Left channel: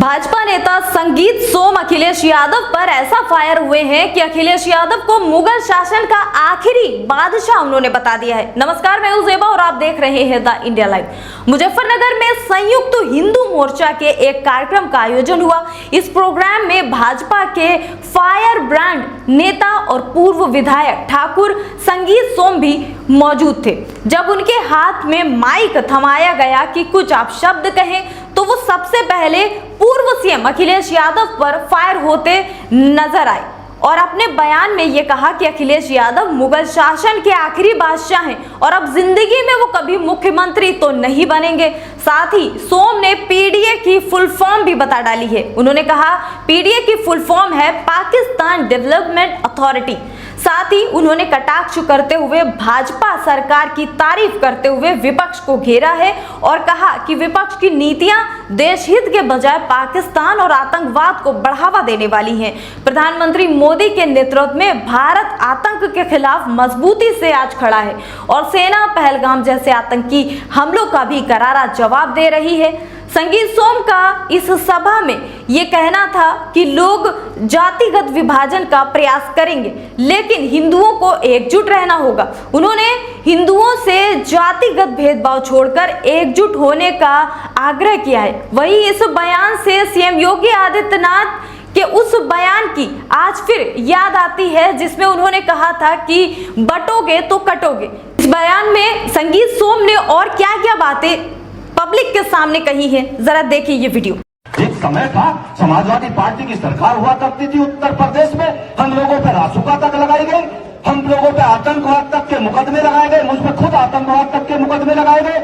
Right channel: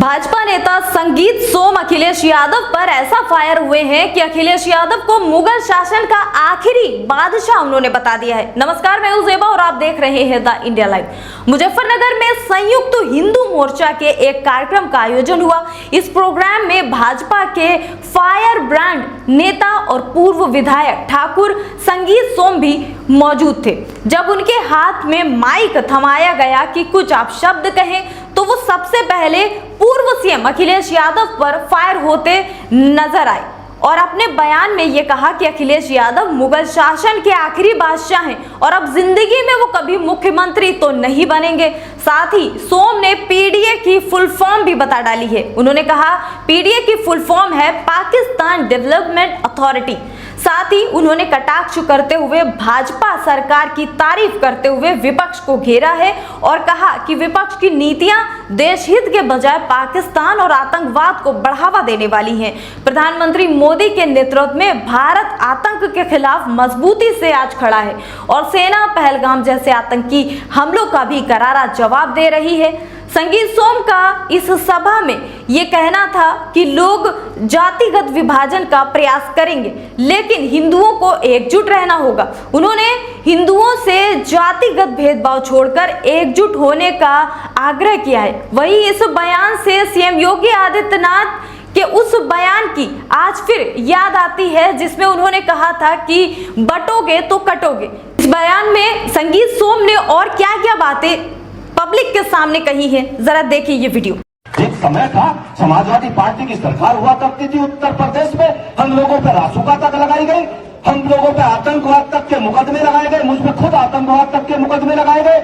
भाजपा नेता संगीत सोम अखिलेश यादव पर ऐसा फायर हुए हैं कि अखिलेश यादव को मुगल शासन का आखिरी बादशाह उन्होंने बता दिया है। नमस्कार, मैं हूं ज़ेबा और आप देख रहे हैं द इंडिया लाइव। मुजफ्फरनगर में संयुक्त हिंदू मोर्चा के एक कार्यक्रम का आयोजन हुआ। इस प्रोग्राम में भाजपा के फायर ब्रांड नेता और पूर्व विधायक ठाकुर संगीत सोम भी मौजूद थे। जब उनके हाथ में माइक थमाया गया कि कुछ आप शब्द कहें, तो वो सबसे पहले पूर्व सीएम अखिलेश यादव पर फायर होते नजर आए और अपने बयान में ये कहा कि अखिलेश यादव मुगल शासन के आखिरी बादशाह हैं और अब जिंदगी में वो कभी मुख्यमंत्री तो नहीं बनेंगे। साथ ही सोम ने पीडीए की फुल फॉर्म भी बता डाली है। उन्होंने कहा पीडीए की फुल फॉर्म है पाकिस्तान डेवलपमेंट अथॉरिटी। साथ ही उन्होंने कटाक्ष करते हुए भाजपा सरकार की तारीफ करते हुए विपक्ष को घेरा है और कहा कि विपक्ष की नीतियां देश हित के बजाय पाकिस्तान और आतंकवाद को बढ़ावा देने वाली हैं। प्रधानमंत्री मोदी के नेतृत्व में भारत आतंक के खिलाफ मजबूती से आज खड़ा है और सेना पहलगाम जैसे आतंकी हमलों का भी करारा जवाब दे रही है। संगीत सोम का इस सभा में ये कहना था कि लोग जातिगत विभाजन का प्रयास करेंगे, लेकिन हिंदुओं को एकजुट रहना होगा। उन्होंने हिंदुओं से जातिगत भेदभाव छोड़कर एकजुट होने का आग्रह किया है। वहीं इस बयान से सीएम योगी आदित्यनाथ के उस बयान की आज फिर याद आती है जिसमें उन्होंने कहा था कि बटोगे तो कटोगे। इस बयान में संगीत सोम ने और क्या क्या बातें पब्लिक के सामने कही है, जरा देखिए ये वीडियो। एक समय था समाजवादी पार्टी की सरकार हुआ करती थी उत्तर प्रदेश में, हम लोगों पर रासुका तक लगाई गई, हम लोगों पे आतंकवाद तक के मुकदमे लगाए गए, मुझ पे खुद आतंकवाद तक के मुकदमे लगाए गए।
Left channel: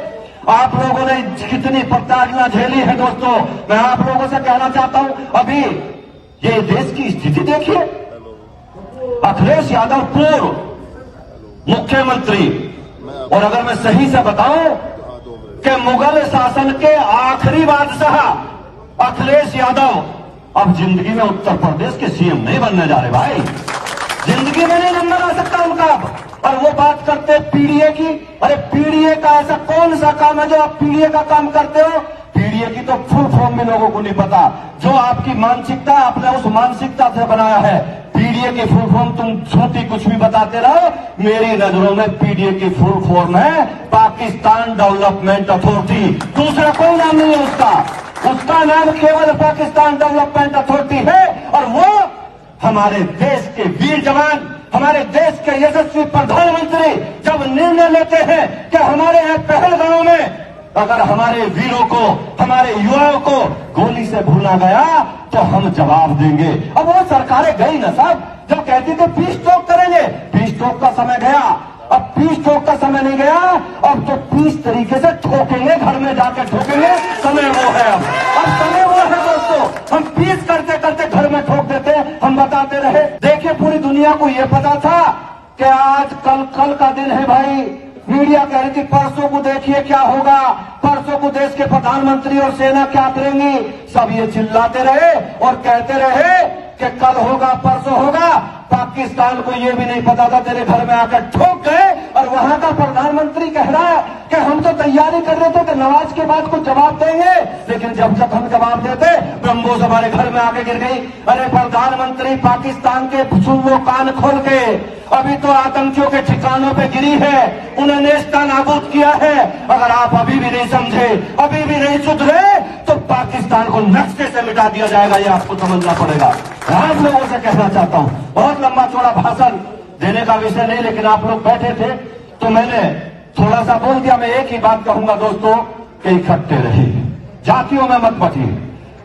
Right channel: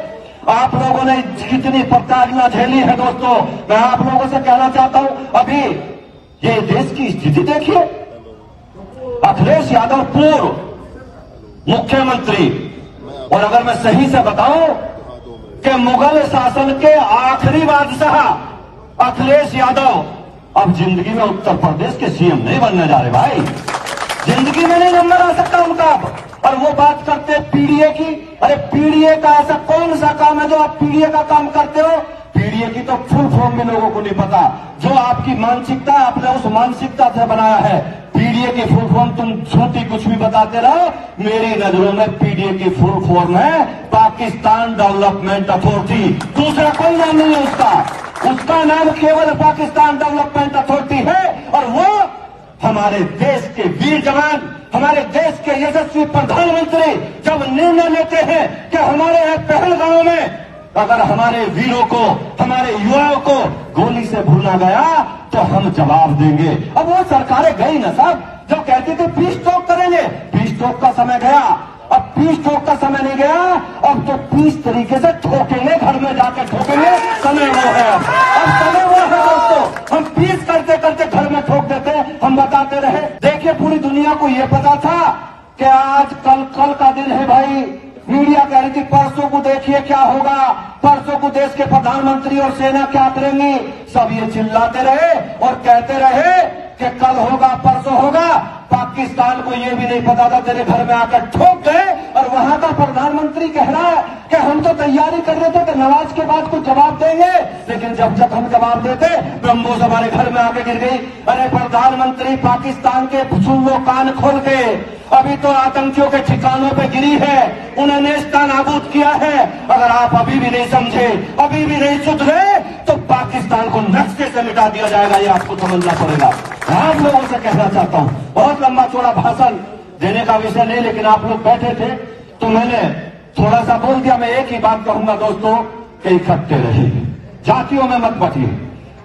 आप लोगों ने कितनी प्रताड़ना झेली है दोस्तों, मैं आप लोगों से कहना चाहता हूं, अभी ये देश की स्थिति देखिए। अखिलेश यादव पूर्व मुख्यमंत्री, और अगर मैं सही से बताऊं कि मुगल शासन के आखिरी बादशाह अखिलेश यादव अब जिंदगी में उत्तर प्रदेश के सीएम नहीं बनने जा रहे भाई, जिंदगी में नहीं नंबर आ सकता उनका। और वो बात करते पीडीए की, अरे पीडीए का ऐसा कौन सा काम है जो आप पीडीए का काम करते हो? पीडीए की तो फुल फॉर्म भी लोगों को नहीं पता। जो आपकी मानसिकता है आपने उस मानसिकता से बनाया है। पीडीए की फुल फॉर्म तुम छोटी कुछ भी बताते रहो, मेरी नजरों में पीडीए की फुल फॉर्म है पाकिस्तान डेवलपमेंट अथॉरिटी। दूसरा कोई नाम नहीं है उसका नाम केवल पाकिस्तान डेवलपमेंट अथॉरिटी है। और वो हमारे देश के वीर जवान, हमारे देश के यशस्वी प्रधानमंत्री जब निर्णय लेते हैं कि हमारे यहाँ पहलगामों में अगर हमारे वीरों को, हमारे युवाओं को गोली से भूना गया तो हम जवाब देंगे। अब वो सरकारें गई ना साहब, जब कहती थी पीस टॉक करेंगे, पीस टॉक का समय गया। अब पीस टॉक का समय नहीं गया, अब तो पीस तरीके से ठोकेंगे, घर में जाके ठोकेंगे, समय वो है। अब समय वो है दोस्तों, हम पीस करते करते घर में ठोक देते, हम बताते रहे। देखिए पूरी दुनिया को ये पता था कि आज कल का दिन है भाई। मीडिया कह रही थी परसों को देखिए क्या होगा, परसों को देश के प्रधानमंत्री और सेना क्या करेंगी। सब ये चिल्लाते रहे और कहते रहे कि कल होगा, परसों होगा। पाकिस्तान को ये भी नहीं पता था, तेरे घर में आकर ठोक गए। और वहां का प्रधानमंत्री कह रहा है कि हम तो तैयारी कर रहे थे कि नमाज के बाद कुछ जवाब देंगे, लेकिन जब हम जवाब देते ब्रह्मोस हमारे घर में आके गिर गई। अरे प्रधानमंत्री पाकिस्तान के सुन लो कान खोल के, अभी तो आतंकियों के ठिकानों पे गिरी है, उन्हें नेस्ता नाबूद किया है। अगर आप अभी भी नहीं समझे, अभी भी नहीं सुधरे, तो पाकिस्तान को नक्शे से मिटा दिया जाएगा, ये आपको समझना पड़ेगा। आप लोगों से कहना चाहता हूं, बहुत लंबा चौड़ा भाषण देने का विषय नहीं, लेकिन आप लोग बैठे थे तो मैंने थोड़ा सा बोल दिया। मैं एक ही बात कहूंगा दोस्तों कि इकट्ठे रहिए, जातियों में मत बटिए।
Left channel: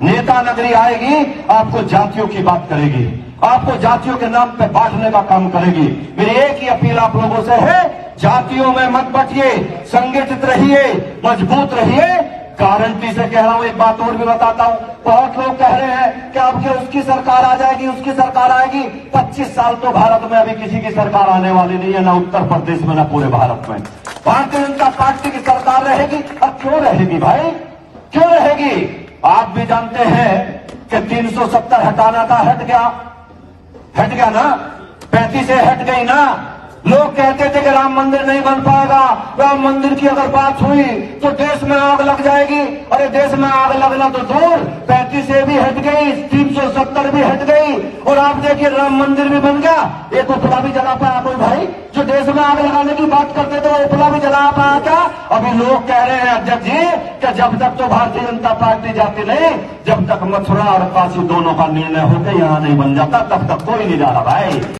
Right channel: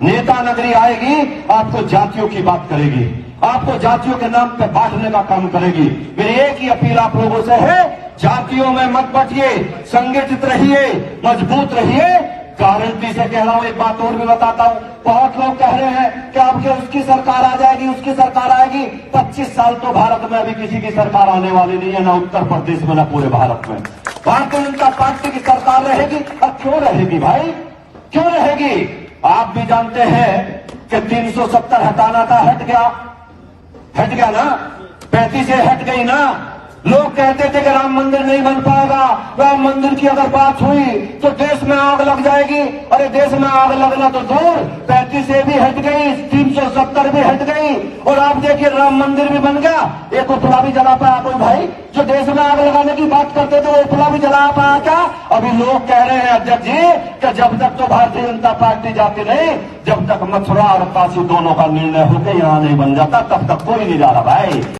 नेता नगरी आएगी, आपको जातियों की बात करेगी, आपको जातियों के नाम पे बांटने का काम करेगी। मेरी एक ही अपील आप लोगों से है, जातियों में मत बटिए, संगठित रहिए, मजबूत रहिए। गारंटी से कह रहा हूं, एक बात और भी बताता हूं। बहुत लोग कह रहे हैं कि अब क्या उसकी सरकार आ जाएगी, उसकी सरकार आएगी। 25 साल तो भारत में अभी किसी की सरकार आने वाली नहीं है, ना उत्तर प्रदेश में, ना पूरे भारत में। भारतीय जनता पार्टी की सरकार रहेगी। अब क्यों रहेगी भाई, क्यों रहेगी? आप भी जानते हैं कि 370 हटाना था, हट गया ना, 35 से हट गई ना, लोग कहते थे कि राम मंदिर नहीं बन पाएगा, राम मंदिर की अगर बात हुई तो देश में आग लग जाएगी। अरे देश में आग लगना तो दूर, 35A भी हट गई, 370 भी हट गई, और आप देखिए राम मंदिर भी बन गया। एक उपला भी जला पाया कोई भाई? जो देश में आग लगाने की बात करते थे वो उपला भी जला पाया क्या? अभी लोग कह रहे हैं अध्यक्ष जी कि जब तक तो भारतीय जनता पार्टी जाती नहीं, जब तक मथुरा और काशी दोनों का निर्णय होकर यहाँ नहीं बन जाता तब तक कोई नहीं जा रहा भाई।